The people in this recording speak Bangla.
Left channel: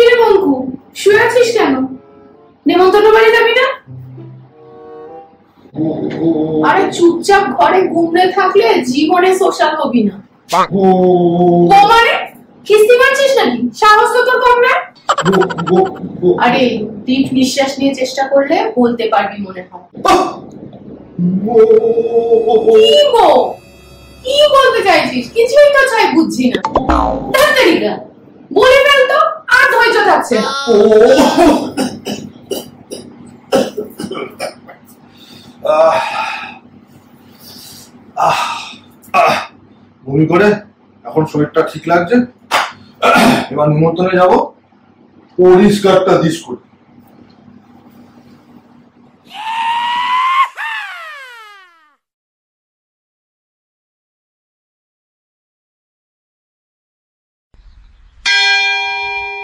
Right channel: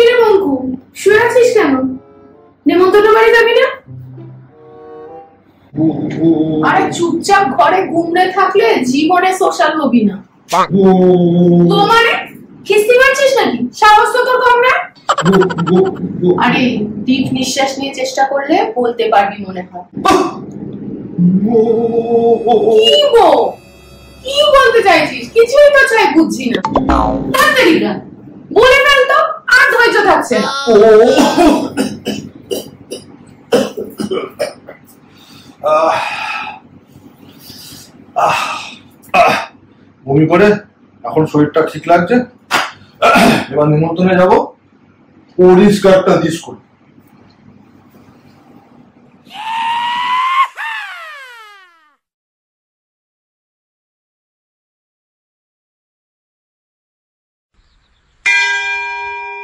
কিরে মঙ্কু, শুয়ে আছিস কেন? নেমন্তন্ন বাড়ি যাবি না? আরে চুপচাপ ঘরে ঘুমড়ে থাকলে জীবনে সোশ্যাল হবি না। মানে খিস্তি মারছিস নাকি? সাহস তো তোর কম না? আরে ডিপ নিঃশ্বাস নিয়ে চেষ্টা করলে বলতে পারবি মনে হয়। কি বলতে চাইছিস? কিছুই তো চাই বুঝছি না। তাড়াতাড়ি না বলে ফেল তো, আর ধৈর্য থাকছে না। বমি করে এখন শরীরটা ঠিক লাগছে। এবার নিমন্ত্রণে যাবো, পরিষ্কারটা দিস করে।